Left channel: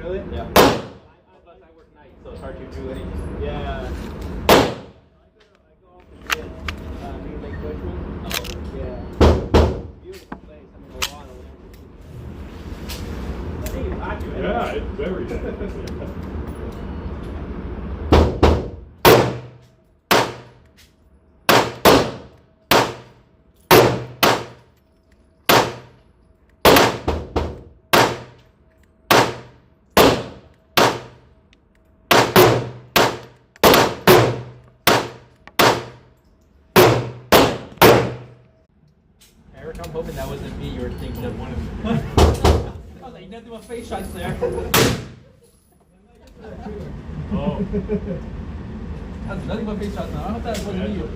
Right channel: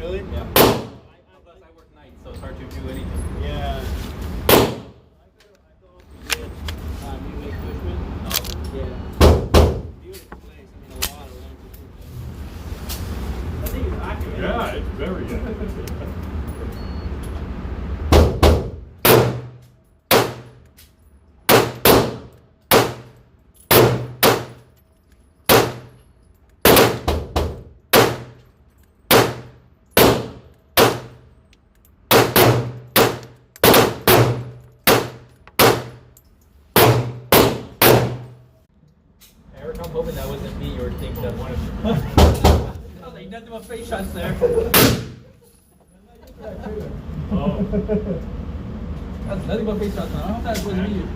really? Yeah. Plus I work nights, so it's hard to do anything. Yeah. Yeah, it's very Eric, I'm hoping that wasn't me you were thinking of. I was like, nothing but face shots there. Oh. That's nothing but face shots now. I hope that wasn't you.